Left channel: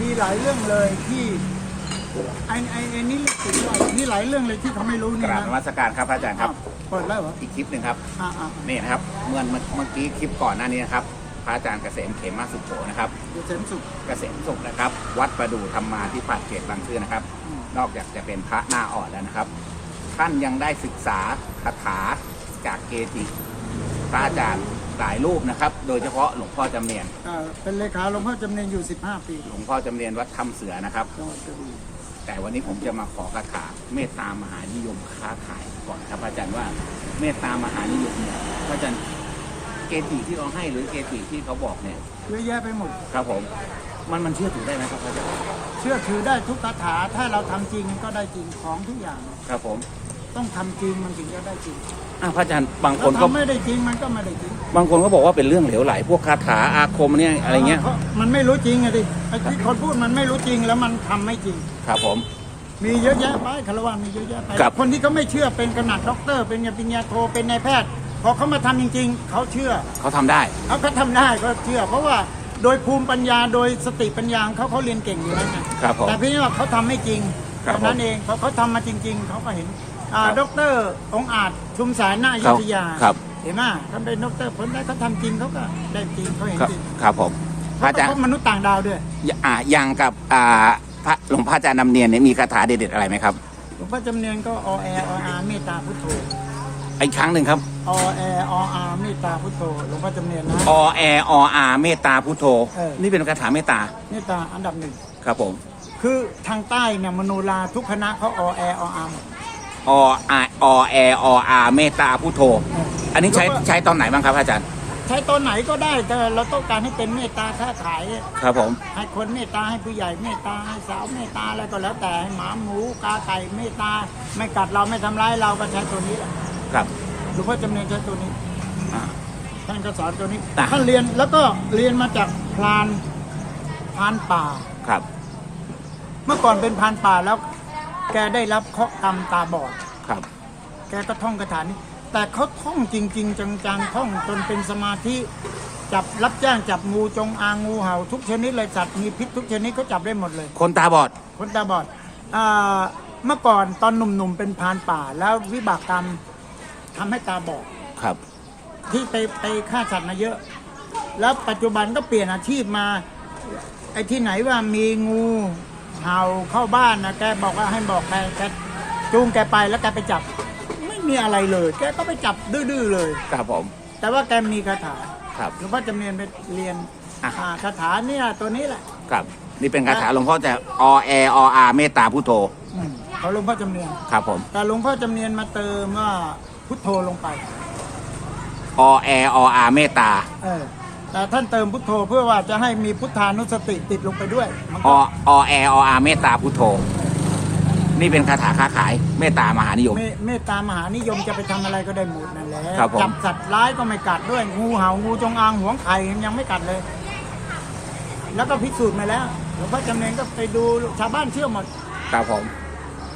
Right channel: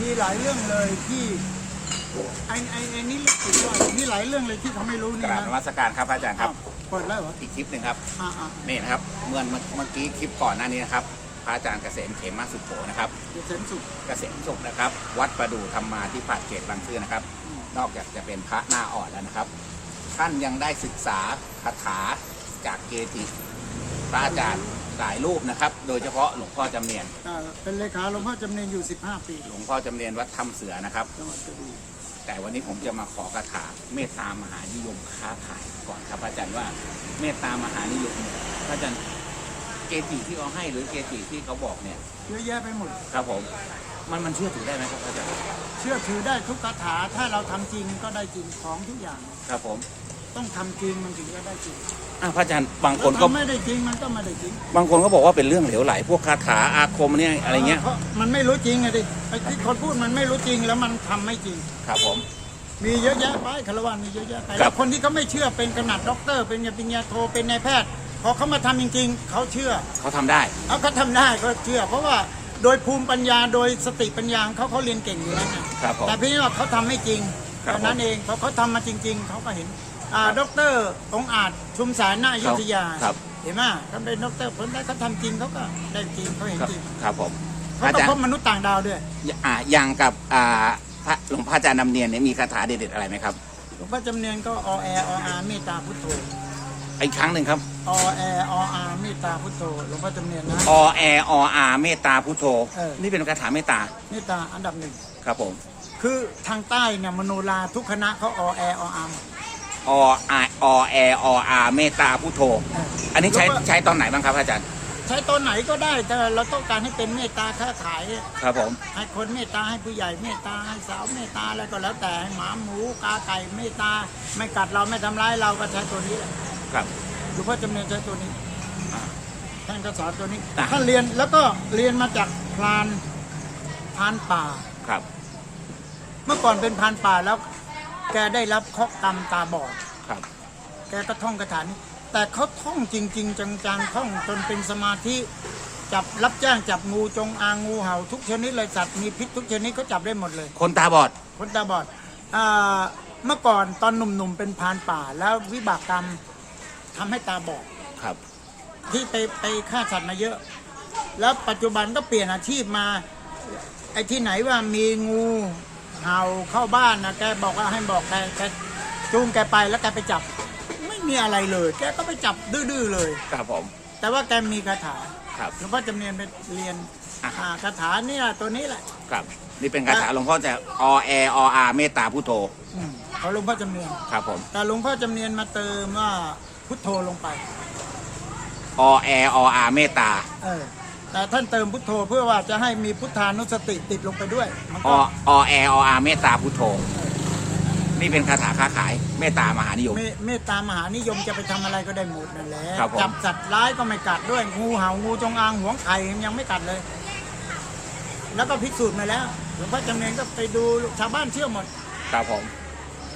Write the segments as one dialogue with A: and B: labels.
A: มีหลายเรื่องเลยที่ไอ้ไอ้ไอ้นี่เล็กสุดยอดมีหลายเรื่องเลยที่เขาไม่รู้
B: ก
A: นี่
B: ราบ
A: นะ
B: นมัสการครับพระอาจารย์ครับ
A: อ้าวเปิดแล้วเหรอ
B: อีกคลิปหนึ่งครับ
A: อ่าอ่า
B: นี่นะครับเมื่อเมื่อกี้คลิปก่อนหน้านี้นะครับ พระอาจารย์เกษมเขมาสุโขนะครับ
A: เดี๋ยวเสริมสุข
B: เกษมสุขนะครับ วัดประดูธรรมาที่ปัดเขตบางซื่อนะครับ
A: อืม
B: นอกจากจะเป็นพระหน้าอ่อนแล้วนะครับ ท่านยังได้ศึกษาคาถาจากเกจิพระอาจารย์ หลายรูปนะครับ โดยเฉพาะหลวงพ่อจำเนียน
A: อ่าเป็นเลขาหลวงพ่อจำเนียนอยู่ 15 ปี
B: หลวงพ่อจำเนียนวัดถ้ำเสือนะครับ
A: จังหวัดกระบี่
B: แต่วันนี้ผมจะมาขอคาถาเมตตามหานิยมค้าขายก่อนครับอาจารย์ว่าเมตตามหานิยมเนี่ยพระอาจารย์เกจิที่เขาให้หรือเกจิที่เขาบอกเนี่ย
A: เยอะแยะไปหมด
B: ครับผมมันมันเชื่อถือได้ไหมครับพระอาจารย์
A: เชื่อถือได้ทุกคาถาถ้าเราทำจริงก็ได้จริงของทุกอย่าง
B: ครับผม
A: ต้องทำจริงมันถึงจะได้จริง
B: อะพระอาจารย์บางค
A: แล้ว
B: นก็
A: ทำไม่ได้จริงมันก็ไม่ได้จริง
B: บางคนก็บอกว่าเป็นเรื่องเหลวไหล พวกคาถาอาคมเนี่ยอะไรเงี้ย
A: พราะมันไม่รู้จริงอะดิไอ้ที่คนพูดมันไม่รู้จริงแล้วมันทำไม่จริง
B: ครับผม
A: มีเยอะแยะไปคารวะมีเยอะแยะไป
B: ครั
A: แล้
B: บ
A: วคนที่เขาไม่เชื่อเป็นขนาดด็อกเตอร์ เป็นปริญญาโทเป็นนายแพทย์ พอเขามาทำจริง ๆเขาเชื่อ
B: เขาทำได้
A: เอาเขาทำได้เขาเชื่อ เพราะว่าโดยภูมิปัญญาโดยสติปัญญาของเขาเขาเรียนเก่งอยู่แล้วไง
B: ครับผม
A: แต่เพียงแต่ว่าเขาทำไม่จริง
B: ครับ
A: เท่านั้นเองพอเขาทำมาจริง ๆ เขาก็เห็นอ่า
B: ครับ
A: ด็อกเตอร์องค์อาจชุมสายหน้าอยุธยา
B: ครับ
A: เห็นไหมเขาเป็นด็อกเตอร์ผลได้เขาทำจริงเขาก็ได้จริงเขาเห็น
B: ครับ
A: จริง
B: ครับผมพ
A: เขา
B: ระอา
A: ก็
B: จาร
A: พ
B: ย์
A: บมนุษย์ต่างดาวด้วย
B: อ่าอย่างกับอ่าพระหลวงพ่ออาจารย์นำเนียนเนี่ยมีคาถาเด็ดๆอะไรไหมครับ
A: หลวงพ่อจำเนียนก็อแอออาเมตตาพุทโธ
B: อีกครั้งหนึ่งครับ
A: อแอออาเมตตาพุทโธหลวงพ่อจำเนียนนะ
B: อแอออาเมตตาพุทโธ
A: เออ
B: นี่เป็นคาถาเมตตา
A: เมตตาอันดับหนึ่ง
B: ครับผม
A: คือทางใต้เนี่ยมโนราทุกคณะเขาอแอออาหมด
B: ออาอแอออาเมตตาพุทโธ
A: เออ
B: อันนี้ใช้
A: แล้วก็
B: ใช้ตอนไหนบ้างครับอาจารย์
A: ใช้ตอนไหนก็ได้แต่เราต้องการให้เป็นเมตตาค้าขาย
B: ครับผม
A: ให้คนเมตตาให้ผู้ใหญ่เมตตาให้สาวเมตตาอะไรก็แล้วแต่ให้หมาหมูกาไก่เมตตาไม่กัดเราไม่ทำร้ายเราก็ใช้ตัวนี้แหละ
B: ครับ
A: หลวงพ่อจำเนียนใช้ตัวนี้
B: อ่า
A: ท่านก็สอนตัวนี้
B: อะ
A: ท่านเรียนแล้วก็เรียนมาจากพรานพรานป่า
B: ครับ
A: เมื่อก่อนเป็นพรานป่าแล้ว แกได้รับเคราะห์กรรมตาบอด
B: ครับ
A: แกก็ท่องคาถานี้แต่เขาท่องจริง ๆ จังๆท่องจนเป็นสมาธิจับรับจ้างจับงูจงอางงูเห่า ทุกชนิดเลยสัตว์มีพิษทุกชนิดเขาจับได้หมดเลย
B: คนตาบอด
A: คนตาบอดอ่าเมื่อก่อนตอนหนุ่มๆเป็นพรานป่า แล้ววิบากกรรมทำให้ตาบอด
B: ครับ
A: ที่ไปไปฆ่าสัตว์มาเยอะ แล้วปัจจุบันก็เปลี่ยนอาชีพมา ไอ้ที่ไหนว่ามีงู เห่าเข้าบ้านนะแกบอกว่าให้บอกแกแกจูงแกไปแล้วแกไปจับ ไม่มีอะไรเลย แกก็ไปจับดื้อๆเลย
B: ครับผม
A: แต่ว่าแกมีคาถา
B: ครับ
A: หลวงพ่อจำเนียนไปเรียน
B: อะ
A: อ่าคาถาเนี่ยตัวนี้แหละ
B: ครับ นี่เป็นคาถาหลวงพ่อจะอแอออาเมตตาพุทโธ
A: อืมเขาหลวงพ่อจำเนียน
B: ครับผม
A: แต่หลวงพ่อจำเนียนมาเติมว่าพุทโธลงไป
B: อแอออาเมตตา
A: เออ แต่ท่านเติมพุทโธเพื่อว่าจะให้มีพุทธานุสติติดลงไปด้วยมัน
B: อ
A: ก็
B: อแอออาเมตตาพุทโธ นี่เป็นคาถาค้าขายเมตตามหานิยม
A: เมเมตตามหานิยมจะไปทำอะไรก็ได้หมดนั่นแหละ
B: ครับผม
A: จับสัตว์ร้ายก็ไม่กัดด้วยงูเห่างูจงอางหวงไข่ยังไม่กัดเลย แล้วก็พิสูจน์มาแล้วหลวงพ่อจำเนียนก็ไปดูชาวบ้านเชื่อหมด
B: ครับผม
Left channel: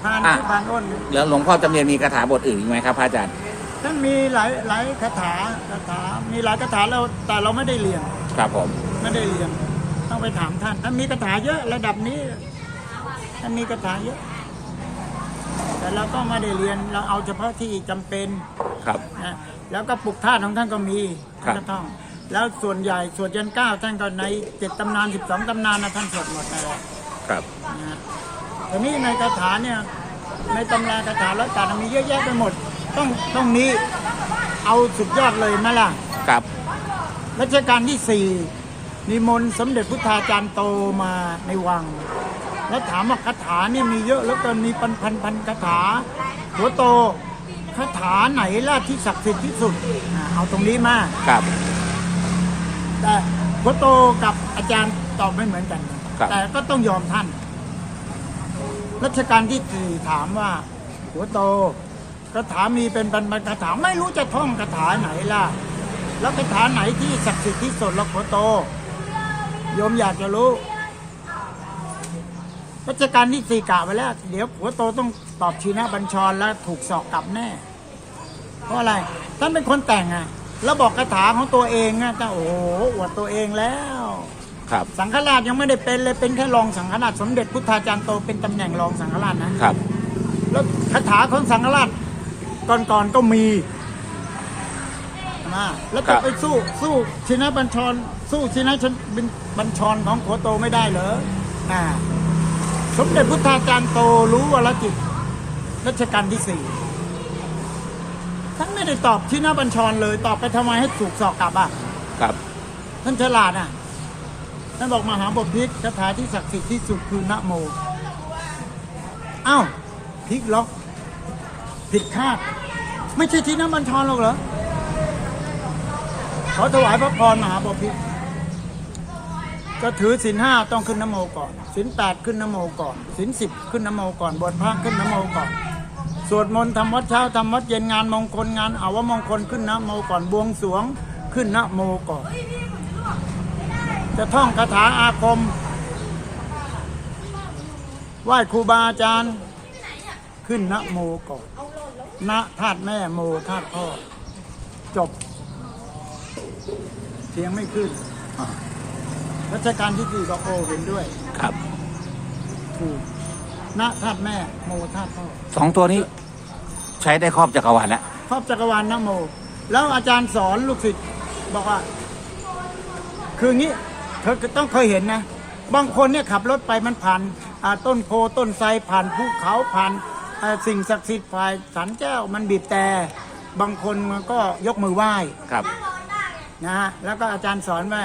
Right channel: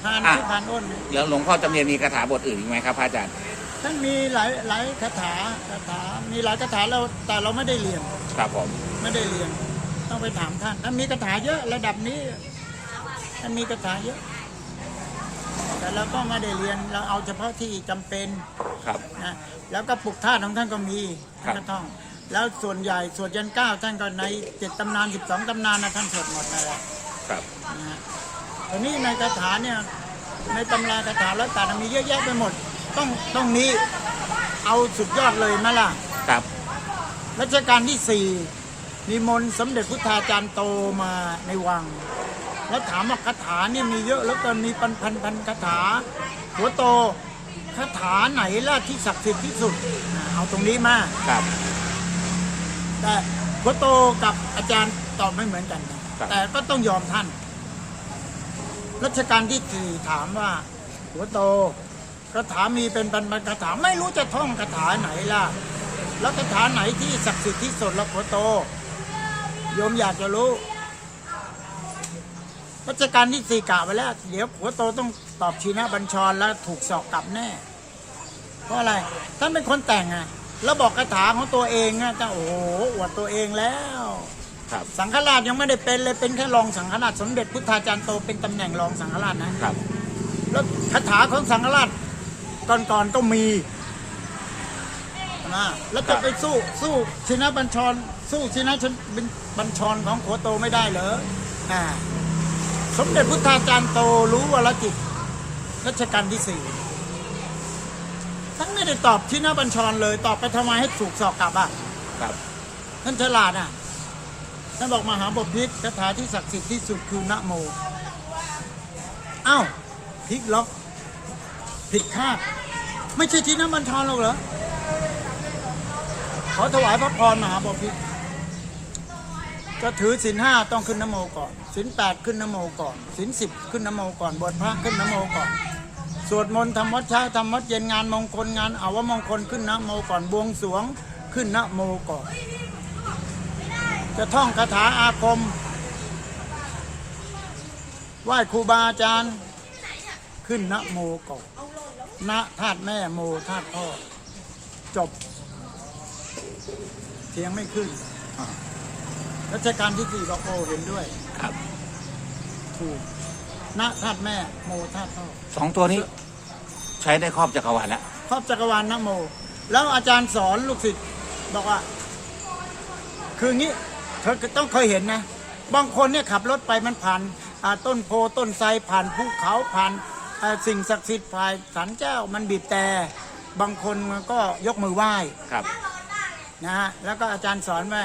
A: พาน
B: อะ
A: ที่พานอ้น
B: แล้วหลวงพ่อจำเนียนมีคาถาบทอื่นอีกไหมครับพระอาจารย์
A: ท่านมีหลายหลายคาถาคาถา มีหลายคาถาแล้วแต่เราไม่ได้เรียน
B: ครับผม
A: ไม่ได้เรียน ต้องไปถามท่านท่านมีคาถาเยอะระดับนี้ท่านมีคาถาเยอะ แต่เราก็ไม่ได้เรียนเราเอาเฉพาะที่จำเป็น
B: ครับ
A: นะแล้วก็ปลุกท่าตุของท่านก็มี
B: ครั
A: ท่าน
B: บ
A: ก็ท่องแล้วส่วนใหญ่สวดยันเก้าท่านก็ในเจ็ดตำนานสิบสองตำนานนะท่านสวดหมดนั่นแหละ
B: ครับ
A: นะฮะทีนี้ในคาถาเนี่ยในตำราคาถาร้อยแปดมีเยอะแยะไปหมด ต้องต้องนี้เอาสุดยอดเลยไหมล่ะ
B: ครับ
A: รัชกาลที่สี่นิมนต์สมเด็จพุทธาจารย์โตมาในวัง แล้วถามว่าคาถาเนี่ยมีเยอะแล้วก็มีพันพันพันคาถา หัวโตคาถาไหนล่ะที่ศักดิ์สิทธิ์ที่สุดอ่าเอาตรงนี้มา
B: ครับ
A: แต่หัวโตกับอาจารย์ตอบไม่เหมือนกันนะครับ แต่ก็ต้องยอมท่านรัชกาลที่สี่ถามว่า หัวโต คาถามีเป็นพันๆคาถาไม่รู้จะท่องคาถาไหนล่ะ แล้วคาถาไหนที่ศักดิ์สิทธิ์ที่สุดแล้วหัวโตโยมอยากจะรู้รัชกาลที่สี่กะไว้แล้ว เดี๋ยวหัวโตต้องตอบชีนะบัญชรแล้วถูกสอกกลับแน่ เพราะอะไรท่านเป็นคนแต่งอะแล้วบอกคาถาของตัวเองอะแต่โอ้โหอวดตัวเองแล้ว
B: ครับ
A: สังฆราชยังไม่ได้เป็นเลยเป็นแค่รองสังฆราชสมเด็จพุทธาจารย์โตเป็นตำแหน่งรองสังฆราชนะ
B: ครับ
A: แล้วคาถาของสังฆราช ก่อนๆก็มีนะแล้วจะไปสู้สู้ชินบัญชร สู้ชินชนบัญชรของขัวโตไม่ได้เหรออ่าสมเด็จพุทธาจารย์โตรู้วรจิตรัชกาลที่สี่ทั้งไม่ได้ตอบชินบัญชรเลย ตอบไปทำไมให้ถูกสอกกลับอะ
B: ครับ
A: ท่านฉลาดอะท่านบอกมหาบพิตรคาถาที่ศักดิ์สิทธิ์ที่สุดคือนะโมอ้าวพลิกล็อก ผิดคาด ไม่ใช่ที่น้ำบัญชรหรอกเหรอขอถวายพระพรมหาบพิตรก็ถือศีลห้าต้องขึ้นนโมก่อนศีลแปดขึ้นนโมก่อนศีลสิบขึ้นนโมก่อนบวชพระขึ้นนโมก่อน สวดมนต์ทำวัดเช้าทำวัดเย็นงานมงคลงานอาวมงคลขึ้นนะโมก่อนบวงสรวงขึ้นนะโมก่อน จะท่องคาถาอาคม ไหว้ครูบาอาจารย์ ขึ้นนะโมก่อน นะธาตุแม่โมธาตุพ่อ จบ เสียงไม่ขึ้น
B: อ่า
A: รัชกาลที่สี่บอกโอเห็นด้วย
B: ครับ
A: ถูกนะธาตุแม่โมธาตุพ่อ
B: สองตัวนี้ ใช้ได้ครอบจักรวาลแล้ว
A: ครอบจักรวาลนะโม แล้วอาจารย์สอนลูกศิษย์บอกว่า คืองี้เธอต้องเคยเห็นนะ บางคนเนี่ยขับรถไปมันผ่านอ่าต้นโพต้นไทรผ่านภูเขาผ่าน อ่าสิ่งศักดิ์สิทธิ์ผ่านสันเจ้ามันบีบแต่บางคนมันก็ยกมือไหว้
B: ครับ
A: นะฮะแล้วก็อาจารย์สอนว่า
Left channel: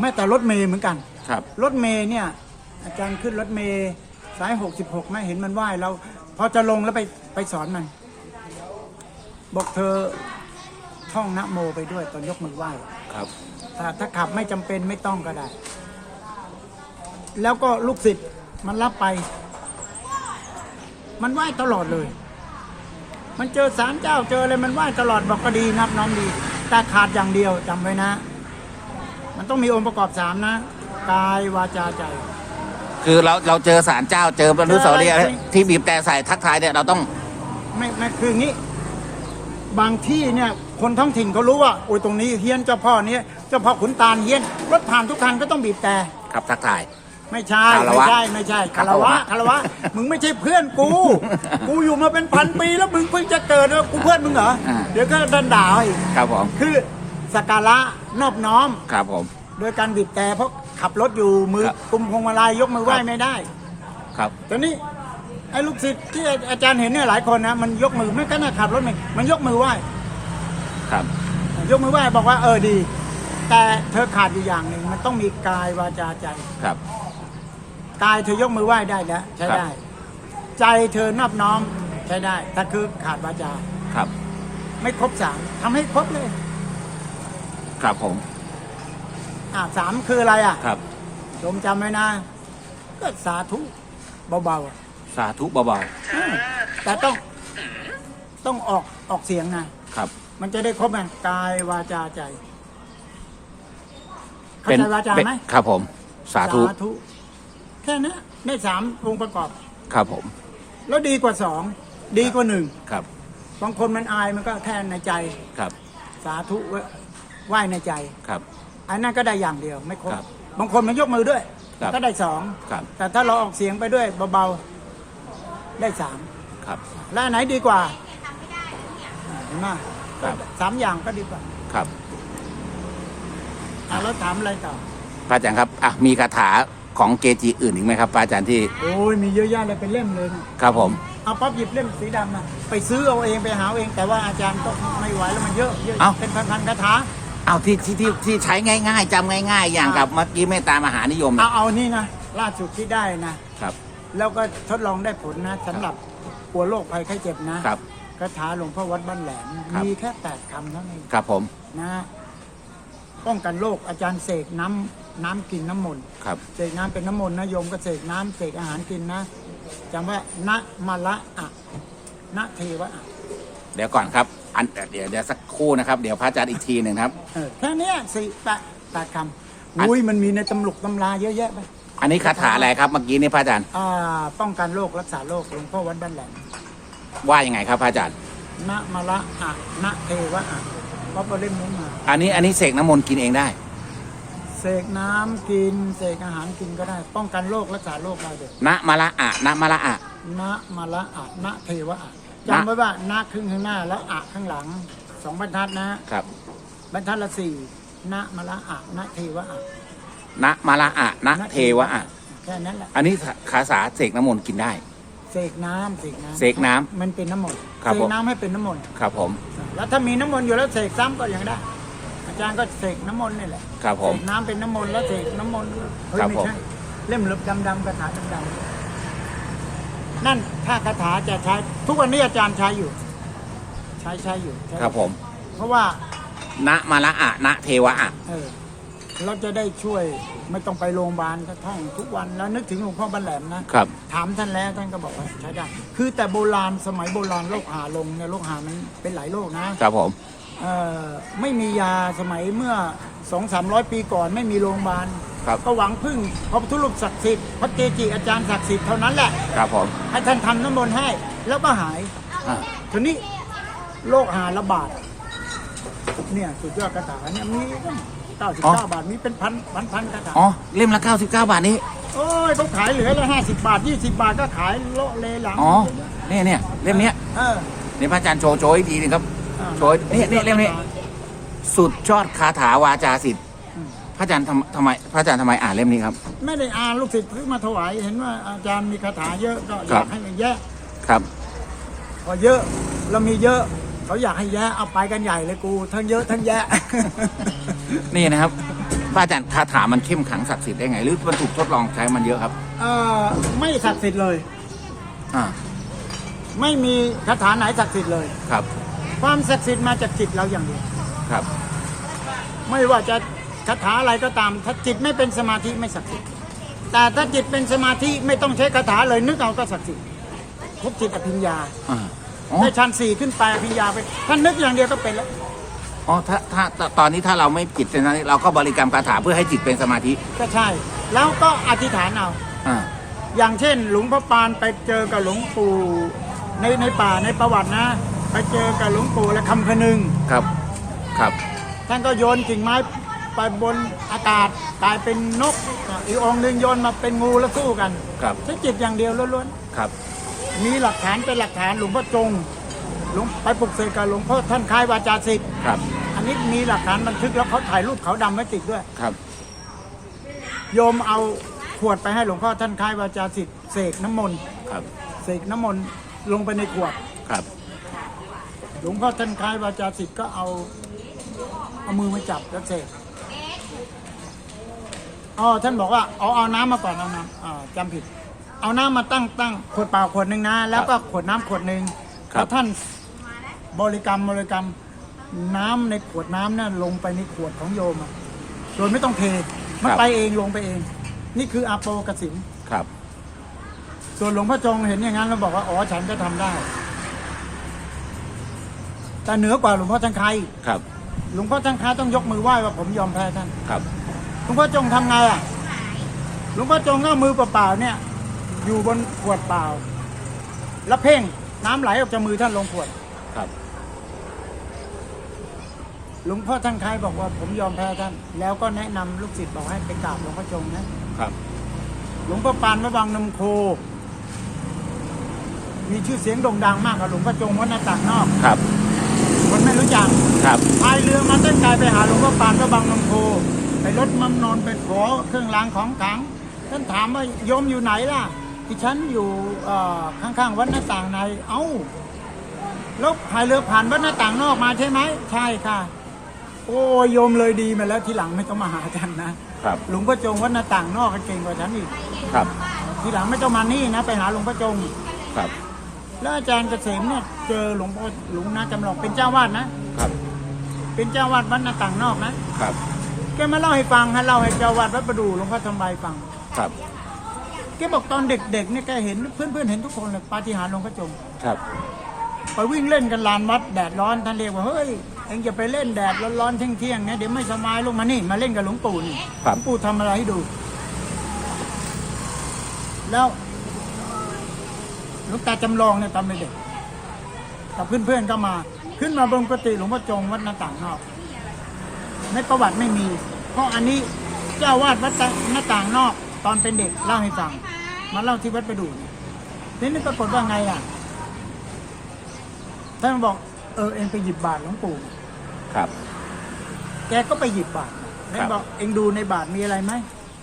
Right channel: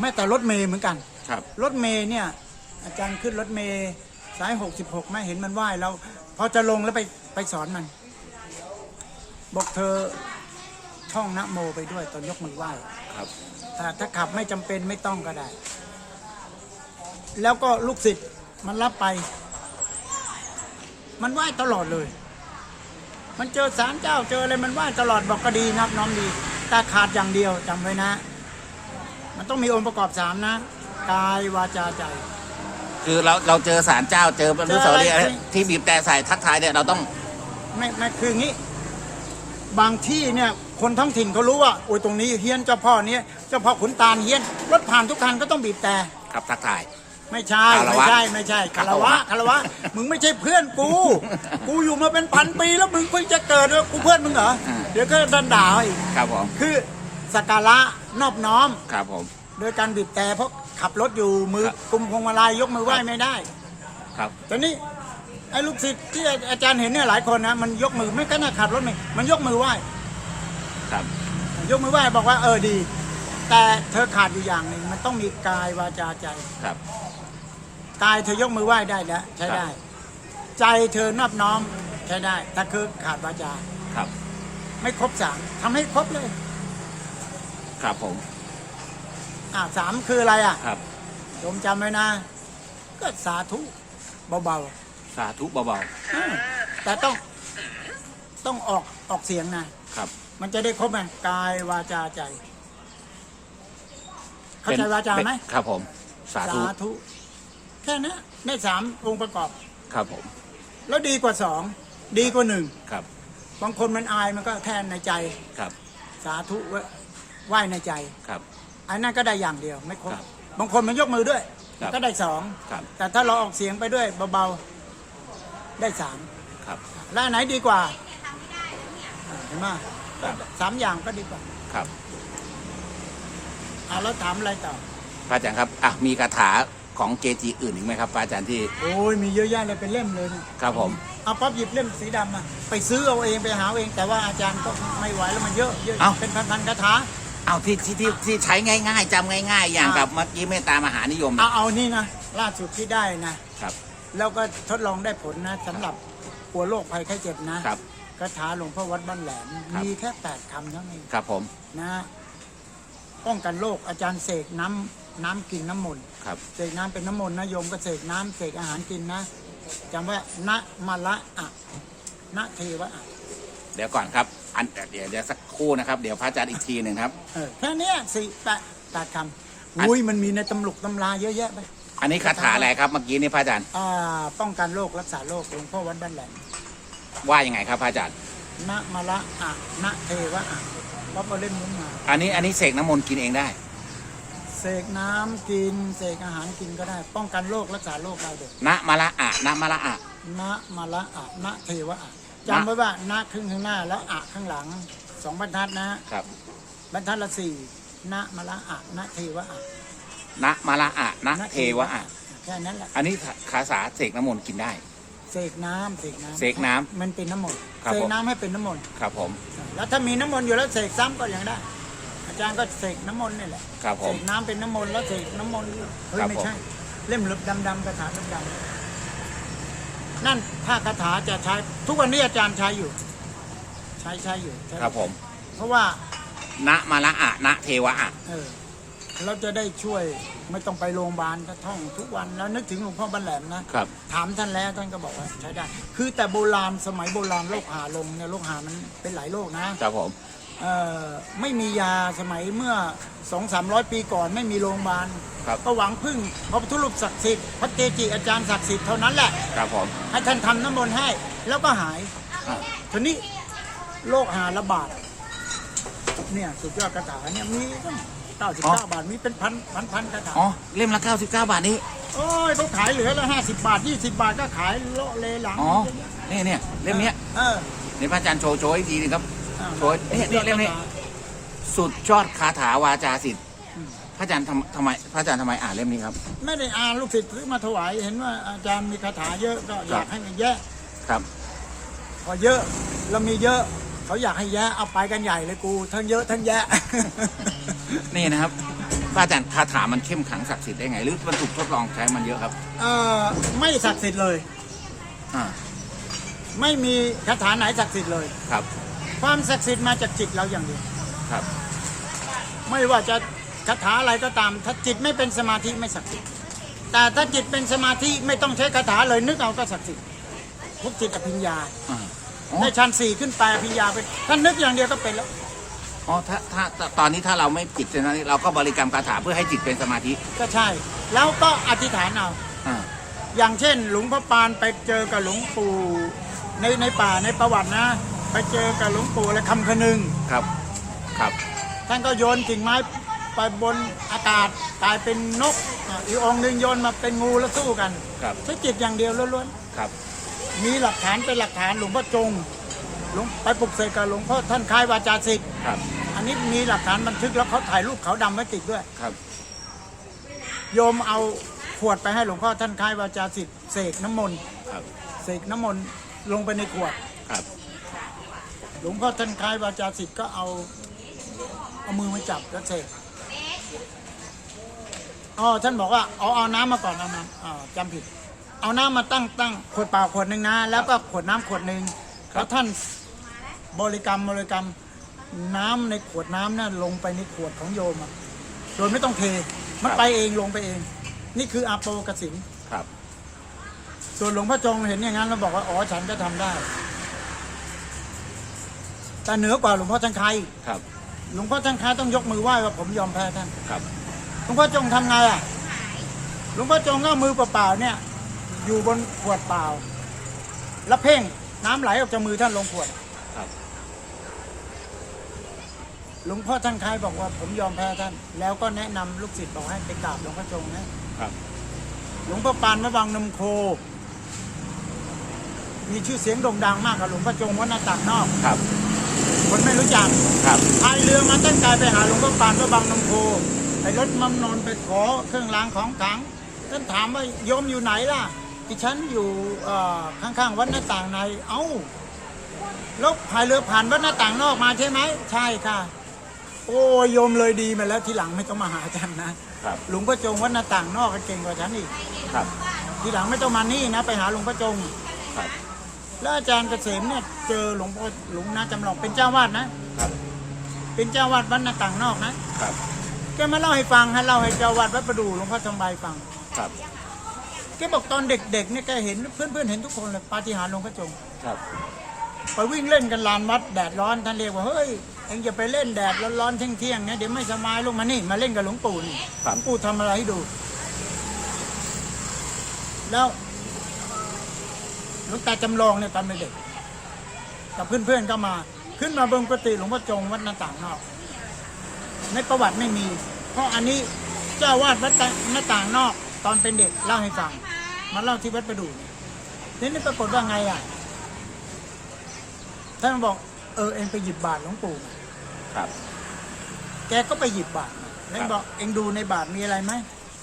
A: แม้แต่รถเมย์เหมือนกัน
B: ครับ
A: รถเมย์เนี่ย อาจารย์ขึ้นรถเมย์สายหกสิบหกไม่เห็นมันไหว้เราพอจะลงแล้วไปไปสอนมัน บอกเธอท่องนะโมไปด้วยตอนยกมือไหว้
B: ครับ
A: ถ้าถ้าขับไม่จำเป็นไม่ต้องก็ได้ แล้วก็ลูกศิษย์มันรับไป มันไหว้ตลอดเลย มันเจอสารเจ้าเจออะไรมันไหว้ตลอดบอกก็ดีนับน้อมดี แต่ขาดอย่างเดียวจำไว้นะ มันต้องมีองค์ประกอบสามนะกายวาจาใจ
B: คือเราเราเจอสารเจ้าเจอบรรลุสาวรีย์
A: เจออะไร
B: ที่บีบแต่ใส่ทักทายเนี่ยเราต้อง
A: ไม่ไม่คืออย่างนี้ บางที่เนี่ยคนท้องถิ่นเขารู้ว่าโอ้ยตรงนี้เฮี้ยนเจ้าพ่อเนี้ยเจ้าพ่อขุนตาลเฮี้ยนรถผ่านทุกคันก็ต้องบีบแต่
B: ขับทักทาย
A: ไม่ใช่
B: คาร
A: ไม่
B: วะ
A: ใช่ไม่ใช่
B: คา
A: คารร
B: วะ
A: วะ คารวะ มึงไม่ใช่เพื่อนกู กูอยู่มาเป็นพันปีแล้วมึงเพิ่งจะเกิดแล้วกูเพื่อนมึงเหรอ
B: อ่า
A: เดี๋ยวก็ดันด่าเอาอีก
B: ครับผม
A: คือสักการะนอบน้อม
B: ครับผม
A: โดยการบีบแต่เพราะขับรถอยู่มือ
B: ครับ
A: กุมพวงมาลัยยกมือไหว้
B: ครับ
A: ไม่ได้
B: ครับ
A: ตอนนี้ไอ้ลูกศิษย์ที่อาจารย์เห็นเนี่ยหลายคนนะมันยกมือไม่ก็น่าขับรถไม่มันยกมือไหว้
B: ครับ
A: ยกมือไหว้บอกว่าเออดี แต่เธอขาดอยู่อย่างหนึ่งมันต้องมีกายวาจาใจ
B: ครับ
A: กายเธอยกมือไหว้ได้แล้วใช้ได้ ใจเธอนอบน้อมใช้ได้แต่คือขาดวาจา
B: ครับ
A: ไม่ครบสามทำให้ครบเลย
B: ครับผม
A: อ่าสามคืออะไรอะ
B: ครับ
A: โยมจำไว้นะ ก็สาธุเบา
B: สาธุเบา
A: ๆอ่าแต่ต้องต้องออกออกเสียงนะ
B: ๆครับ
A: มันจะได้ครบไงกายวาจาใจ เข้าใจวาจา
B: เป็น
A: ไหม
B: ครับผม สาธุ
A: ธุ แค่นั้นได้สามองค์ประกอบ
B: ครับผม
A: แล้วดีกว่าสองดีกว่าหนึ่ง
B: ครับ
A: บางคนมันอายมันก็แค่ในใจ
B: ครับ
A: สาธุไหว้ในใจ
B: ครับ
A: อันนั้นก็ได้อย่างเดียวไม่ครบ
B: ครับ
A: บางคนมันยกมือด้วย
B: ครับ
A: ก็ได้สอง
B: ครับ
A: แต่ถ้าเราออกเสียงไปด้วยเบาๆได้สาม
B: ครับ
A: แล้วอันไหนดีกว่าอ่าเห็นไหม
B: ครับ
A: สามอย่างก็ดีกว่า
B: ครับ
A: อ่าแล้วถามอะไรต่อ
B: พระอาจารย์ครับอะมีคาถา ของเกจิอื่นอีกไหมครับพระอาจารย์ที่
A: โอ้ยมีเยอะแยะเลยเป็นเล่มเลยนะครับ
B: ผม
A: เอาป๊อปหยิบเล่มสีดำมาไปซื้อเอาเองไปหาเอาเอง แต่ว่าอาจารย์ก็ไม่ไหวแล้วมันเยอะเยอะ
B: เอ้า
A: เป็นพันๆคาถา
B: เอาที่ที่ที่ที่ใช้ง่ายๆจำง่าย ๆ อย่าง
A: อ่า
B: กับเมื่อกี้เมตตามหานิยม
A: เอา
B: นะ
A: เอานี่นะล่าสุดที่ได้นะ
B: ครับ
A: แล้วก็ทดลองได้ผลนะสำหรับปัวโรคภัยไข้เจ็บนะครับ คาถาหลวงพ่อวัดบ้านแหลม
B: ครับ
A: มีแค่แปดคำเท่านั้น
B: ครับผม
A: นะป้องกันโรคอาจารย์เสกน้ำ น้ำกินน้ำมนต์
B: ครับ
A: เสกน้ำเป็นน้ำมนต์นะโยมก็เสกน้ำเสกอาหารกินนะจำว่านะมาละอะนะเทวะอะ
B: เดี๋ยวก่อนครับ อันเดี๋ยวเดี๋ยวสักครู่นะครับ เดี๋ยวพระอาจารย์อีกทีหนึ่งครับ
A: เออแค่เนี้ยสี่แปดแปดคำอุ้ยมันมีในตำลุกตำราเยอะแยะไป
B: อันนี้คาถาอะไรครับเมื่อกี้นี่พระอาจารย์
A: อ่าป้องกันโรครักษาโรคหลวงพ่อวัดบ้านแหลม
B: ว่ายังไงครับพระอาจารย์
A: นะมาละอะนะเทวะอะเพราะว่าเล่มนี้มา
B: อันนี้อันนี้เสกน้ำมนต์กินเองได้
A: เเสกน้ำกิน เสกอาหารกินก็ได้ ป้องกันโรครักษาโรคได้เลย
B: นะมาละอะนะมาละอะ
A: นะมาละอะนะเทวะอะจำไว้ว่านะครึ่งข้างหน้าและอะข้างหลังสองบรรทัดนะ ครับบรรทัดละสี่นะมาละอะนะเทวะอะ
B: นะมาละอะนะเทวะอะ
A: แค่นั้นแหละ
B: อันนี้คาสาเสกน้ำมนต์กินได้
A: เสกน้ำเสกน้ำ
B: เสกน้ำ
A: มันเป็นน้ำมนต์
B: ครับ
A: เส
B: ผ
A: ก
B: ม
A: น้ำให้เป็นน้ำมนต์
B: ครับผม
A: แล้วถ้ามีน้ำมนต์อยู่แล้วเสกซ้ำก็ยังได้ อาจารย์ก็เสกน้ำมนต์นี่แหละ
B: ครับผ
A: เส
B: ม
A: กน้ำเป็นน้ำมนต์แล้วเสกน้ำมนต์เฮ้ย
B: ครับ
A: ไม่
B: ผม
A: ใช่เล่มลึกดำๆกระถาดำๆนั่นถ้ากระถาจะใช้ ทุกวันนี้อาจารย์ใช้อยู่ ใช้ใช้อยู่ใช้
B: ครับผม
A: เพราะว่า
B: นะมาละอะนะเทวะอะ
A: เออเราจะได้ช่วยไม่ต้องไปโรงพยาบาลก็ท่องทุกวันแล้วนึกถึงหลวงพ่อบันแหลมนะครับ ถามท่านแล้วท่านก็บอกว่าใช้ได้ คือแต่โบราณสมัยโบราณโรคหาลงเนี่ยโรคหามันเป็นหลายโรคนะ
B: ครับผม
A: เอ่อ ไม่มียาสมัยเมื่อสองสามร้อยปีก่อนไม่มีโรงพยาบาล
B: ครับ
A: ก็หวังพึ่งพระพุทธรูปศักดิ์สิทธิ์พระเกจิอาจารย์ศักดิ์สิทธิ์เท่านั้นแหละ
B: ครับผม
A: ให้ท่านทำน้ำมนต์ให้ แล้วก็หาย
B: อ่า
A: ทีนี้โรคหาระบาดเนี่ยสุดยอดคาถาเนี่ยมีตั้งเก้าสิบเก้าบาทมีเป็นพันพันพันคาถา
B: อ๋อเล่มละ99บาทนี้
A: โอ้ยเขาขายเหลือละห้าสิบบาทยี่สิบาทก็ขายโละเลหลัง
B: อ๋อเนี่ยเนี่ยเล่มเนี้ย
A: เออ
B: นี่พระอาจารย์โชว์โชว์อีกทีหนึงครับ
A: อ่า
B: โชว์นี่นี่เล่มนี้ สุดยอดคาถาวาจาสิทธิ์
A: อืม
B: พระอาจารย์ทำทำไม พระอาจารย์ทำไมอ่านเล่มนี้ครับ
A: ไม่ได้อ่านลูกศิษย์ซื้อมาถวายเห็นว่าอาจารย์มีคาถาเยอะก็อ
B: ครั
A: ยา
B: บ
A: กให้มันแยะ
B: ครับ
A: พอเยอะเรามีเยอะเขาอยากให้แยะเอาไปกันใหญ่เลยกู ทั้งเยอะทั้งแยะ
B: นี่นะครับพระอาจารย์คาถามันเข้มขลังศักดิ์สิทธิ์ได้ไง หรือมันถูกทดลองใช้มันเยอะครับ
A: เอ่อไม่ศักดิ์สิทธิ์เลย
B: อ่า
A: ไม่มีคาถาไหนศักดิ์สิทธิ์เลย
B: ครับ
A: ความศักดิ์สิทธิ์มาจากจิตเราอย่างเดียว
B: ครับ
A: ไม่ว่าจะคาถาอะไรก็ตาม ถ้าจิตไม่เป็นสมาธิไม่ศักดิ์สิทธิ์แต่ถ้าจิตเป็นสมาธิไม่ต้องใช้คาถาเลยนึกเอาก็ศักดิ์สิทธิ์พบจิตอภิญญา
B: อ่าอ๋อ
A: ได้ชั้นสี่ขึ้นไปอภิญญาไปท่านนึกอย่างเดียวก็เป็นแล้ว
B: อ๋อถ้าถ้าถ้าตอนนี้ถ้าเราไม่จิตเป็นนั้นเราก็บริกรรมคาถาเพื่อให้จิตเป็นสมาธิ
A: ก็ใช่ แล้วก็อธิษฐานเอา
B: อ่า
A: อย่างเช่น หลวงพ่อปานไปเจอกับหลวงปู่ในในป่าในประวัตินะ ไปเจอกับหลวงปู่และคำคนึง
B: ครับครับ
A: ท่านก็โยนกิ่งไม้ไปบนอากาศกลายเป็นนกอีกองค์หนึ่งโยนมาเป็นงูแล้วสู้กัน
B: ครับ
A: ใช้จิตอย่างเดียวล้วน
B: ครับ
A: ๆมีหลักฐานเป็นหลักฐานหลวงพ่อจงหลวงไปปลุกเสกกับหลวงพ่อท่านคล้ายวาจาสิทธิ์
B: ครับ
A: อันนี้มีหลักฐานบันทึกแล้วเขาถ่ายรูปเขาวดำไว้ติดด้วย
B: ครับ
A: โยมเอาขวดไปให้หลวงพ่อท่านคล้ายวาจาสิทธิ์เสกน้ำมนต์
B: ครับ
A: เสกน้ำมนต์ลงไปในขวด
B: ครับ
A: หลวงพ่อท่านคล้ายวาจาสิทธิ์ก็เอาเอามือมาจับแล้วเสกอ๋อท่านบอกว่าเอาเอาน้ำมาก่อนเอาน้ำอ่าจำผิด เอาน้ำมาตั้งตั้งขวดเปล่าขวดหนึ่งนะ แล้วก็ขวดน้ำขวดหนึ่ง
B: ครับ
A: แล้วท่านบริกรรมบริกรรมน้ำในขวดน้ำนั่นลงไปในขวดของโยมอะโดยไม่ต้องเทมันไปเองลงไปเอง นี่คืออาโปกสิน
B: ครับ
A: ส่วนหลวงพ่อจงเห็นอย่างนั้นแล้วบอกว่า อ๋อ ฉันก็ทำได้ แต่เหนือกว่าหลวงพ่อท่านใคร
B: ครับ
A: หลวงพ่อท่านคล้ายต้องยกมือไหว้ว่าผมยอมแพ้ท่าน
B: ครับ
A: หลวงพ่อจงทำไงอะ หลวงพ่อจงก็เอามือเปล่าๆเนี่ย อยู่บนขวดเปล่า แล้วเพ่งน้ำไหลออกจากมือท่านลงขวด
B: ครับ
A: หลวงพ่อท่านคล้ายบอกว่าผมยอมแพ้ท่าน แล้วก็แนะนำลูกศิษย์บอกให้ไปกราบหลวงพ่อจงนะ
B: ครับ
A: หลวงพ่อปานมะบังนำโค มีชื่อเสียงโด่งดังมากกับหลวงพ่อจงวัดหน้าต่างนอก
B: ครับ
A: คนไม่รู้จัก
B: ครับ
A: พายเรือมาต้นกายไปหาหลวงพ่อปานก็บางนมโพไปรถมันนอนไปขอเครื่องรางของขลังท่านถามว่าโยมอยู่ไหนล่ะที่ฉันอยู่เอ่อข้างๆวัดหน้าต่างใน เอ้าแล้วพายเรือผ่านวัดหน้าต่างนอกมาใช่ไหมใช่ค่ะ โอ้ยโยมเลยดีมาแล้วทีหลังไม่ต้องมาหาฉันนะครับหลวงพ่อจงวัดหน้าต่างนอกเก่งกว่าฉันอีก
B: ครับ
A: ทีหลังไม่ต้องมานี่นะ ไปหาหลวงพ่อจง
B: ครับ
A: แล้วอาจารย์เกษมเนี่ยเจอหลวงพ่อหลวงนาจำลองเป็นเจ้าวาดนะ
B: ครับ
A: เป็นเจ้าวาดวัดหน้าต่างนอกนะ
B: ครับ
A: แกมาเล่าให้ฟังฮะเล่าให้เจ้าวัดวัดประดูหลวงพ่อทองใบฟัง
B: ครับ
A: แกบอกตอนเด็กๆเนี่ยแกเห็นเพื่อนๆเห็นทุกคนเลยปาฏิหาริย์หลวงพ่อจง
B: ครับ
A: ไปวิ่งเล่นกันลานวัดแดดร้อนท่านเรียกว่าเฮ้ยเอ็งจะไปเล่นแดดร้อนๆเที่ยงๆเนี่ยเดี๋ยวไม่สบายลงมานี่มาเล่นกับหลวงปู่นี่
B: ครั
A: หล
B: บ
A: วงปู่ทำอะไรให้ดู แล้ว หลวงตาจำลองเนี่ยตอนเป็นเด็กกับเพื่อนๆก็มา ขึ้นมาบนกุฏิหลวงพ่อจงวัดหน้าต่างนอก ในประวัติไม่มี เพราะอันนี้เจ้าวาดวัดตะหน้าต่างนอก ตอนเป็นเด็กเล่าให้ฟังมาเล่าที่วัดประดู่นี่นี่ปรากฏว่าไงอะท่านบอกเออเองไปหยิบบาทหลวงปู่มา
B: ครับ
A: แกก็ไปหยิบบาทมาแล้วบอกเองดูในบาทมีอะไรไหม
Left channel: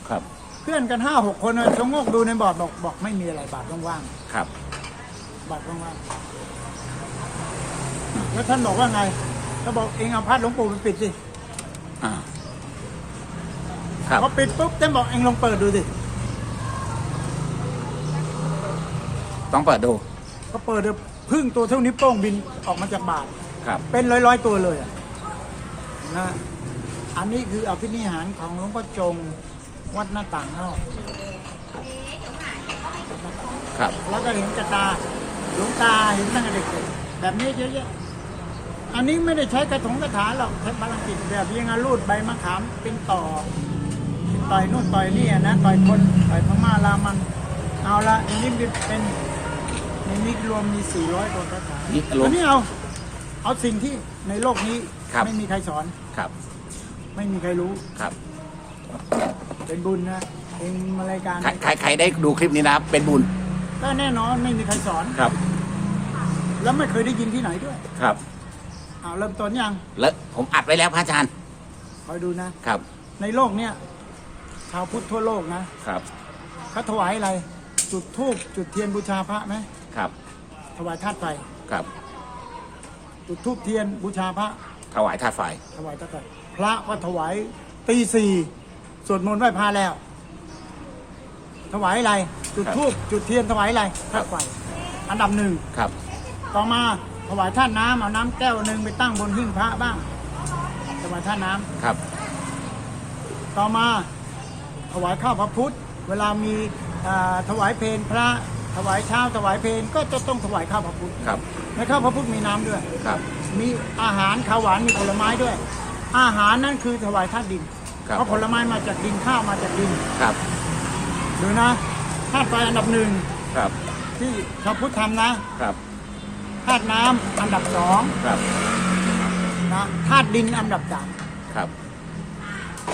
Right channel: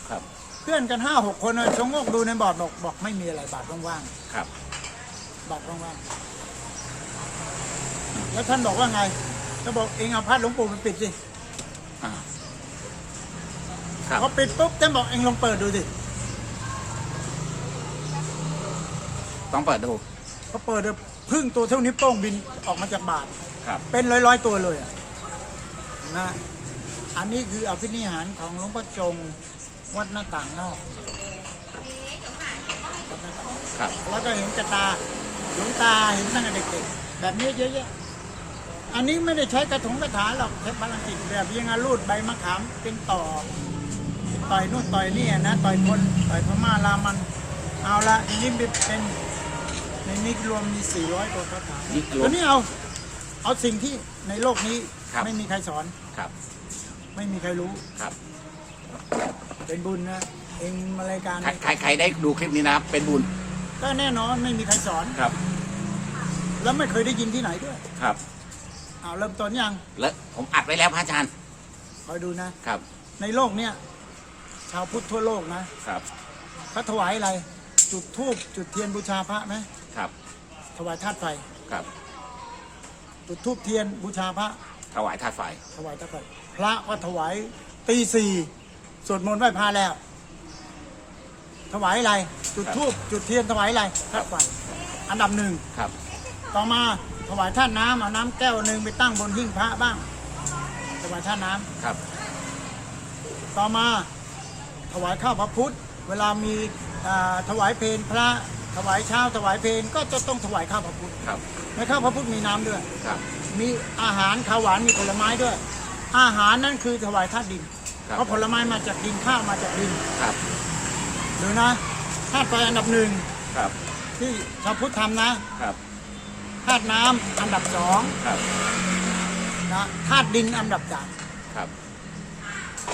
B: ครับ
A: เพื่อนกันห้าหกคนอะชงโงกดูในบอร์ดบอกบอกไม่มีอะไรบาทว่าง
B: ครับ
A: ๆบาทว่างๆแล้วท่านบอกว่าไงก็บอกเองเอาพัดหลวงปู่ไปปิดสิ
B: อ่าครับ
A: พอปิดปุ๊บท่านบอกเองลองเปิดดูสิ
B: ต้องเปิดดู
A: ก็เปิดดูพึ่งตัวเท่านิ้วโป้งบินออกมาจากบาท
B: ครับ
A: เป็นร้อยๆตัวเลยอะนะ อันนี้คืออภินิหารของหลวงพ่อจง วัดหน้าต่างนอก
B: ครับ
A: แล้วก็เห็นกระตาหลวงตาเห็นตั้งแต่เด็กๆแบบนี้เยอะแยะอันนี้ไม่ได้ใช้กระถงกระถาหรอกใช้พลังจิตแบบยังไงรูดใบมะขามเป็นต่อ ต่อยนู่นต่อยนี่อะนะต่อยคนต่อยพม่าลามัน เอาละอันนี้เป็นในนี้รวมมี400กว่าคาถา
B: นี่รวม
A: อันนี้เอาเอาสิ่งที่ในโลกนี้
B: ครับ
A: ไม่มีใครสอน
B: ครับ
A: ไม่มีใครรู้
B: ครับ
A: เป็นบุญนะเองมารายการ
B: ใครใครใครได้ดูคลิปนี้นะ เป็นบุญ
A: ก็แน่นอนไม่มีใครสอน
B: ครับ
A: แล้วไม่เคยได้ยินที่ไหนด้วย
B: ครับ
A: เอาเริ่มต้นยัง
B: แล้วผมอัดไว้แล้วพระอาจารย์
A: คอยดูนะ
B: ครับ
A: ในโลกเนี้ยชาวพุทธทั่วโลกนะครับเขาถวายอะไร จุดธูปจุดเทียนบูชาพระไหม
B: ครับ
A: ถวายธาตุไฟ
B: ครับ
A: จุดธูปเทียนบูชาพระ
B: ถวายธาตุไฟ
A: ถวายธาตุไฟพระก็ถวายตีสี่ สวดมนต์ไหว้พระแล้ว ถวายอะไร จุดธูปจุดเทียนถวายอะไรธาตุไฟอันดับหนึ่ง
B: ครับ
A: ต่อมาถวายท่านน้ำเอาน้ำแก้วหนึ่งไปตั้งบนหิ้งพระบ้างถวายท่านน้ำ
B: ครับ
A: ต่อมาถวายข้าวพระพุทธ เวลามีอ่าถวายเพลพระ ถวายเช้าถวายเพลก็จะต้องถวายข้าวพระพุทธ
B: ครับ
A: ในข้าวพระพุทธมีน้ำด้วย
B: ครับ
A: มีอาหารข้าวหวานมีผลไม้ด้วย อาหารนั่นคือถวายธาตุดิน
B: ครับ
A: เพราะผลไม้มาจากดินข้าวมาจากดิน
B: ครับ
A: หรือนะธาตุไฟอันดับหนึ่ง
B: ครับ
A: ที่ชาวพุทธทำนะครับธาตุน้ำอันดับสอง
B: ครับ
A: นะธาตุดินอันดับสาม
B: ครับ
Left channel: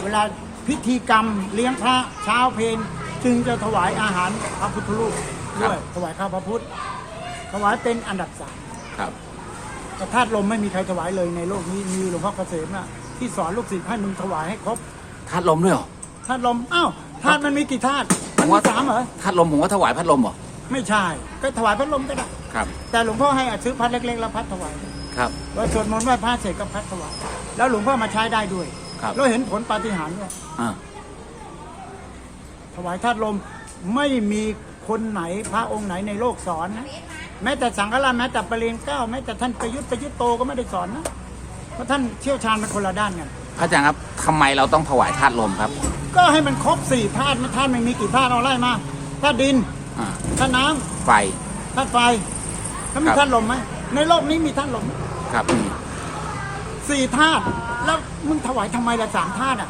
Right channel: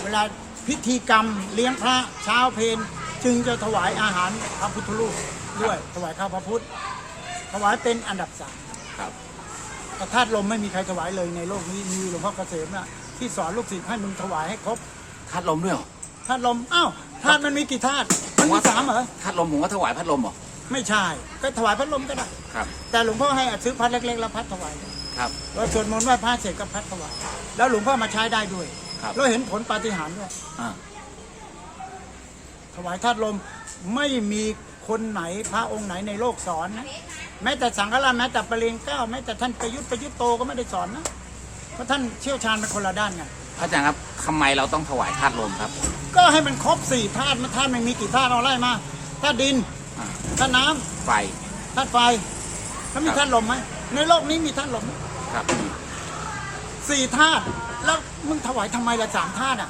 A: เวลาพิธีกรรมเลี้ยงพระเช้าเพลจึงจะถวายอาหารพระพุทธรูปด้วยถวายข้าวพระพุทธถวายเป็นอันดับสาม
B: ครับ
A: แต่ธาตุลมไม่มีใครถวายเลยในโลกนี้มีหลวงพ่อเกษมนะที่สอนลูกศิษย์ให้มึงถวายให้ครบ
B: ธาตุลมด้วยเหรอ
A: ธาตุลมอ้าวธาตุมันมีกี่ธาตุมันมีสามเหรอ
B: ธาตุลมผมว่าถวายพัดลมเหรอ
A: ไม่ใช่ ก็ถวายพัดลมก็ได้
B: ครับ
A: แต่หลวงพ่อให้อัดซื้อพัดเล็กๆแล้วพัดถวาย
B: ครับ
A: เราสวดมนต์ไหว้พระเสร็จก็พัดถวายแล้วหลวงพ่อมาใช้ได้ด้วย
B: ครับ
A: เราเห็นผลปาฏิหาริย์เนี่ย
B: อ่า
A: ถวายธาตุลมไม่มีคนไหนพระองค์ไหนในโลกสอนนะแม้แต่สังฆราชแม้แต่ประเรียนเก้าแม้แต่ท่านประยุทธ์ประยุทธ์โตก็ไม่ได้สอนนะเพราะท่านเชี่ยวชาญเป็นคนละด้านกัน
B: พระอาจารย์ครับทำไมเราต้องถวายธาตุลมครับ
A: ก็ให้มันครบสี่ธาตุมันธาตุมันมีกี่ธาตุเอาไล่มาธาตุดิน
B: อ่า
A: ธาตุน้ำ
B: ไฟ
A: ธาตุไฟแล้วมี
B: ครับ
A: ธาตุลมไหมในโลกนี้มีธาตุลมไหม
B: ครับ
A: สี่ธาตุแล้วมึงถวายทำไมละสามธาตุอะ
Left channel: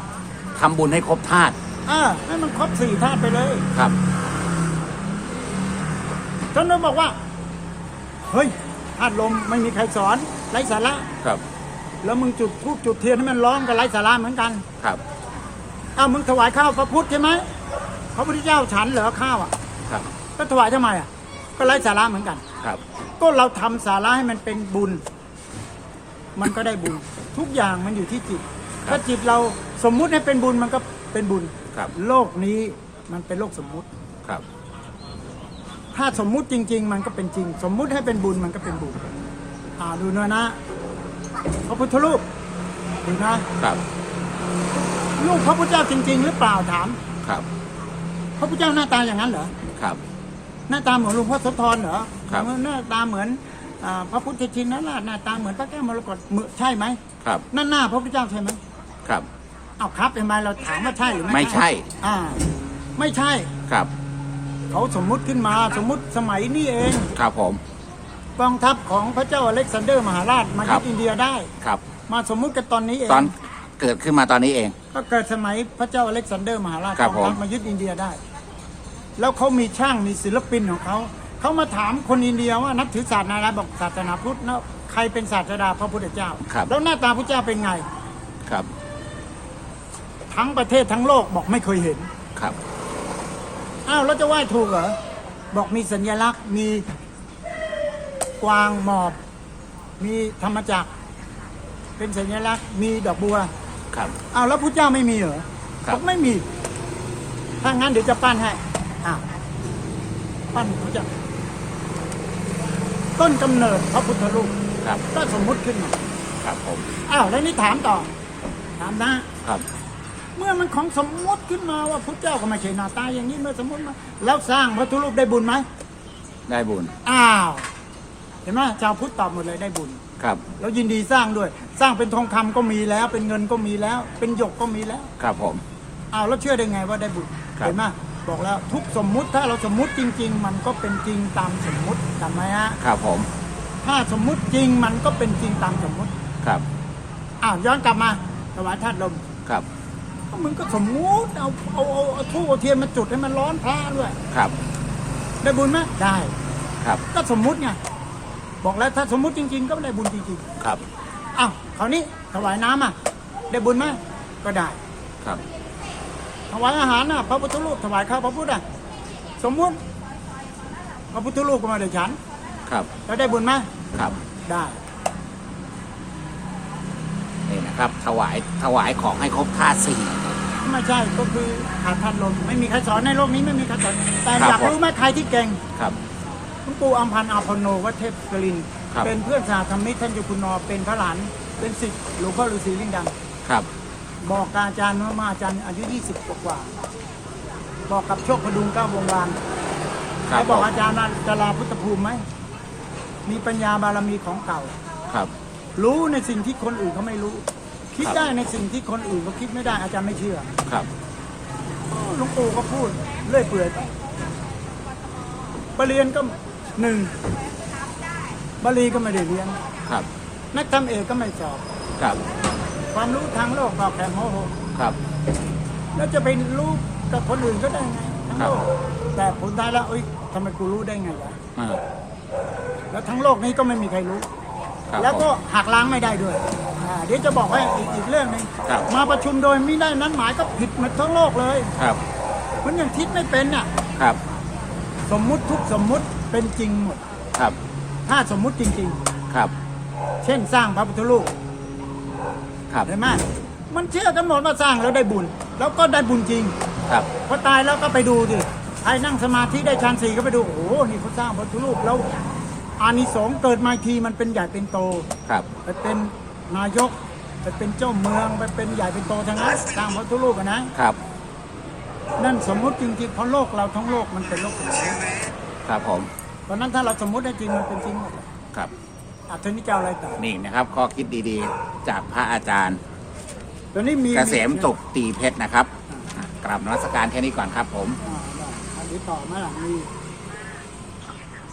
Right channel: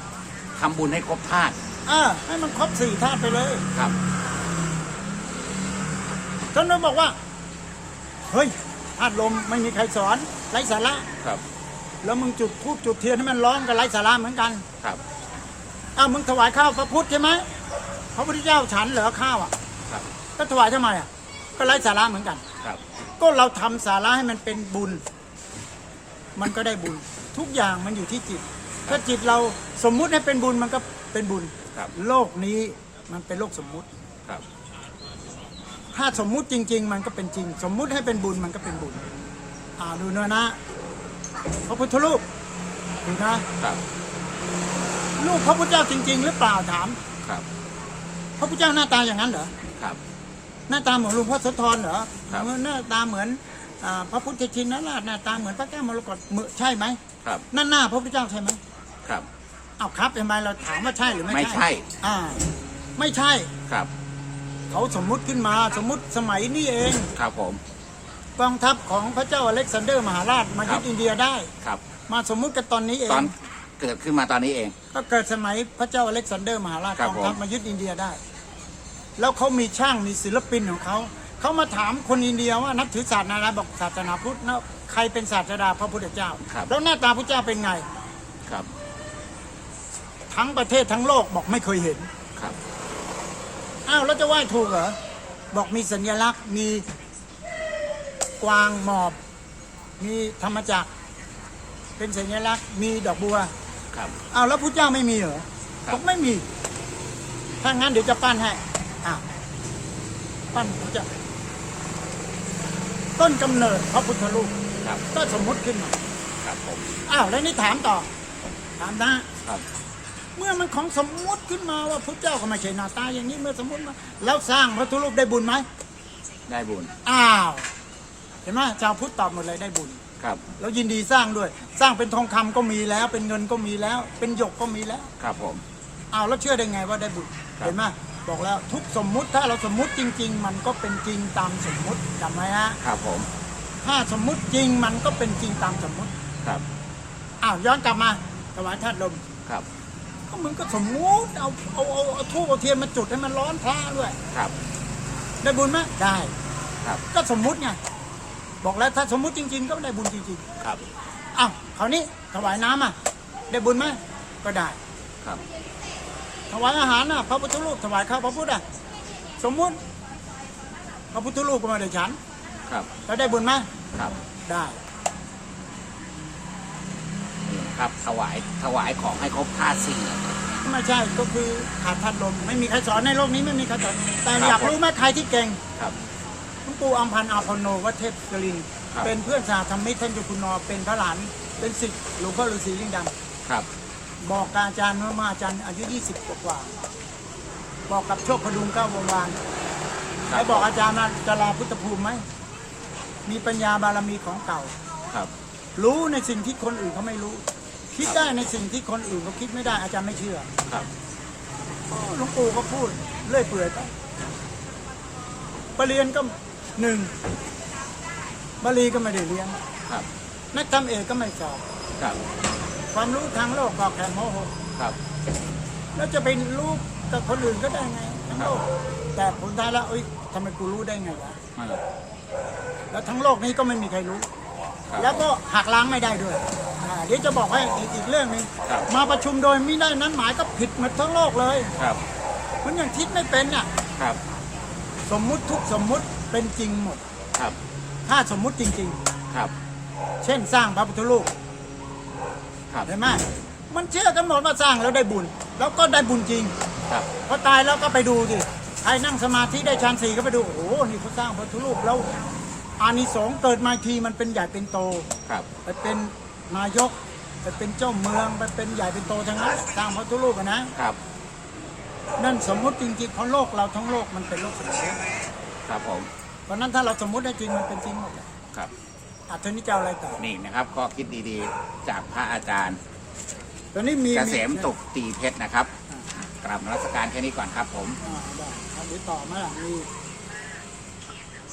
B: ทำบุญให้ครบธาตุ
A: อ่าให้มันครบสี่ธาตุไปเลย
B: ครับ
A: ท่านนั้นบอกว่าเฮ้ยธาตุลมไม่มีใครสอนไร้สาระ
B: ครับ
A: แล้วมึงจุดทูบจุดเทียนให้มันร้องกับไร้สาระเหมือนกัน
B: ครับ
A: อ้าวมึงถวายข้าวพระพุทธใช่ไหมพระพุทธเจ้าฉันเหรอข้าวอะ
B: ครับ
A: ก็ถวายทำไมอะ ก็ไร้สาระเหมือนกัน
B: ครับ
A: ก็เราทำสาระให้มันเป็นบุญ มันก็ได้บุญ ทุกอย่างมันอยู่ที่จิต ถ้าจิตเราสมมุติให้เป็นบุญมันก็เป็นบุญ
B: ครับ
A: โลกนี้มันเป็นโลกสมมุติ
B: ครับ
A: ถ้าสมมุติจริง ๆ มันก็เป็นจริง สมมุติให้เป็นบุญมันก็เป็นบุญอ่าดูเนื้อนะ พระพุทธรูปดูนะครับรูปพระพุทธเจ้าจริง ๆ หรือเปล่าถาม
B: ครับ
A: พระพุทธเจ้าหน้าตาอย่างนั้นเหรอ
B: ครับ
A: หน้าตาเหมือนหลวงพ่อโสธรเหรอ
B: ครับ
A: หน้าตาเหมือนอ่าพระพุทธชินนั่นแหละหน้าตาเหมือนพระแก้วมรกตเหมือนใช่ไหม
B: ครับ
A: นั่นหน้าพระพุทธเจ้าใช่ไหม
B: ครับ
A: เอาครับทำไมเราถามว่าใช่หรือไม่
B: ไม่ใช่
A: อ่า ไม่ใช่
B: ครับ
A: เขาสมมุติขึ้นมาสมมุติสมัยนี้เอง
B: ครับผม
A: กองทัพของพระเจ้าอเล็กซานเดอร์มหาราชมา
B: ครั
A: ยึ
B: บ
A: ดอินเดียได้
B: ครับ
A: มาสมมุติกันตอนนี้เอ
B: ตองนเกิดขึ้นมาตอนนี้เอง
A: ก็เกิดสมัยพระเจ้าอเล็กซานเดอร์มหาราช
B: ครั
A: ก
B: บ
A: องทัพ
B: ผม
A: มายึดอินเดียได้ แล้วเขามีช่างมีศิลปินของเขาเขามาถามคนอินเดียว่านับถือศาสนาอะไรบอกศาสนาพุทธนะใครเป็นศาสดาพระพุทธเจ้า
B: ครับ
A: แล้วหน้าตาพระเจ้าเป็นไง
B: ครับ
A: ททั้งประเทศทั้งโลกบอกไม่เคยเห็น
B: ครับ
A: อ้าวแล้วจะไหว้ถูกเหรอ บอกมีสัญลักษณ์มี กวางหมอบ มีธรรมจักร เป็นสัญลักษณ์มีดอกบัว
B: ครับ
A: อ้าวแล้วพุทธเจ้าไม่มีเหรอ
B: ครับ
A: บอกไม่มีถ้างั้นเดี๋ยวจะปั้นให้อ้าวปั้นพุทธเจ้าต้นกำเนิดพระพุทธรูป
B: ครับ
A: ก็สมมุติขึ้นมา
B: ครับผม
A: อ้าวแล้วนี่ถามต่อ ถามนะ
B: ครับ
A: เมื่อมันของสมมุติขึ้นมาว่าพระเจ้าก็ไม่ใช่หน้าตาอย่างนี้เมื่อสมมติมาแล้วสร้างพระพุทธรูปได้บุญไหม
B: ได้บุญ
A: อ้าว เห็นไหมชาวพุทธตอบหมดเลยได้บุญ
B: ครับ
A: แล้วยินดีสร้างด้วย สร้างเป็นทองคำก็มีแล้ว เป็นเงินก็มีแล้ว เป็นหยกก็มีแล้ว
B: ครับผม
A: อ้าวแล้วเชื่อได้ไงว่าได้บุญ
B: ครับ
A: เห็นไหมบอกแล้วทุกสมมุติถ้าเราสมมุติจริง ๆ มันก็เป็นจริงตามสมมุติจำไหมฮะ
B: ครับผม
A: ถ้าสมมุติจริงมันก็เป็นจริงตามสมมุติ
B: ครับ
A: อ้าวย้อนกลับมาถวายธาตุลม
B: ครับ
A: ก็มึงก็สมมุติเอาเอาเอาเอาทูบเอาเทียนมาจุดให้มันร้อนพระด้วย
B: ครับ
A: ได้บุญไหมได้
B: ครับ
A: ก็สมมุติไง บอกแล้วถ้าสมมุติจริง ๆ ก็ได้บุญจริง
B: ครับ
A: ๆอ้าวคราวนี้ถวายน้ำอะ ได้บุญไหมก็ได้
B: ครับ
A: ถวายอาหารน่ะพระพุทธรูปถวายข้าวพระพุทธอะสมมุติพระพุทธรูปก็มาได้ฉัน
B: ครับ
A: แล้วได้บุญไหม
B: ครับ
A: ได้
B: นี่นะครับ ถวาย ถวายของให้ครบท่าสี่
A: ไม่ใช่ก็คืออาทันลมไม่มีใครสอนในโลกนี้ไม่มีใครสอนแต่
B: ครับ
A: อยากรู้ไหมใครที่เก่ง
B: ครับ
A: หลวงปู่อัมพันธ์อาพโนวัดเทพกลิน
B: ครับ
A: เป็นเพื่อนสาธรรมิกท่านเจุคุณนอเป็นพระหลาน เป็นศิษย์หลวงพ่อฤาษีลิงดำ
B: ครับ
A: บอกกับอาจารย์ว่ามาอาจารย์อายุ 20 กว่ากว่าบอกกับโชคพดุงเก้าวงวาน
B: ครั
A: แล้วบอกอาจารย์ว่าจะลาพุทธภูมิไหม มีปัญญาบารมีของเก่า
B: ครับ
A: รู้ในสิ่งที่คนอื่นเขาไม่รู้ คิดได้ในสิ่งที่คนอื่นเขาคิดไม่ได้อาจารย์ไม่เชื่อ
B: ครับ
A: อ๋อหลวงปู่ก็พูดเลื่อยเปื่อยไปปรริญญาก็ หนึ่งบาลีก็ไม่ได้เรียน
B: ครับ
A: นักธรรมเอกก็ไม่สอบ
B: ครับ
A: ความรู้ทางโลกก็แค่โมโห
B: ครับ
A: แล้วจะไปรู้กับคนอื่นก็ได้ไงทั้งโลก แต่ผลท้ายแล้วเอ้ยทำไมกูรู้ได้ไงล่ะ
B: อ่า
A: แล้วทั้งโลกนี้ก็ไม่มีใครรู้
B: ครับ
A: แล้วก็หักล้างไม่ได้ด้วยอ่าเดี๋ยวจะบอกให้อีกอีกเรื่องหนึง
B: ครับ
A: มาประชุมโดยไม่ได้นั้นหมายก็ผิดหมดทั้งโลกเลย
B: ครับ
A: มันยังคิดไม่เป็นน่ะ
B: ครับ
A: สมมุติทุกสมมุติ เป็นจริงหมด
B: ครับ
A: ถ้าสมมุติจริง
B: ครับ
A: ๆ เช่นสร้างพระพุทธรูป
B: ครับ
A: เห็นไหมมันเชื่อกันหมดว่าสร้างแล้วได้บุญ แล้วก็ได้บุญจริง
B: ครับ
A: พอตายแล้วก็ไปดูดิใครนั่งสมาธิได้ฌานสี่ก็ไปดู โอ้โห นี่เขาสร้างพระพุทธรูปแล้วอานิสงส์เกิดมาอีกทีมันเป็นใหญ่เป็นโต
B: ครับ
A: ไปเป็นนายก ไปเป็นเจ้าเมือง ไปเป็นใหญ่เป็นโตทั้งนั้นสร้างพระพุทธรูปอะนะ
B: ครับ
A: นั่นสมมุติจริงๆเพราะโลกเราทั้งโลกมันเป็นโลกสมมติ
B: ครับผม
A: เพราะฉะนั้นถ้าเราสมมุติได้จริงมันเป็นจริงหมดเลย
B: ครับ
A: อัธนิจเอาอะไรต่อ
B: นี่นะครับข้อคิดดีๆ จากพระอาจารย์
A: ตอนนี้มี
B: เกษมสุขตีเพชรนะครับกราบนมัสการแค่นี้ก่อนครับผม
A: อ่าได้อะเดี๋ยวต่อมาหลังมี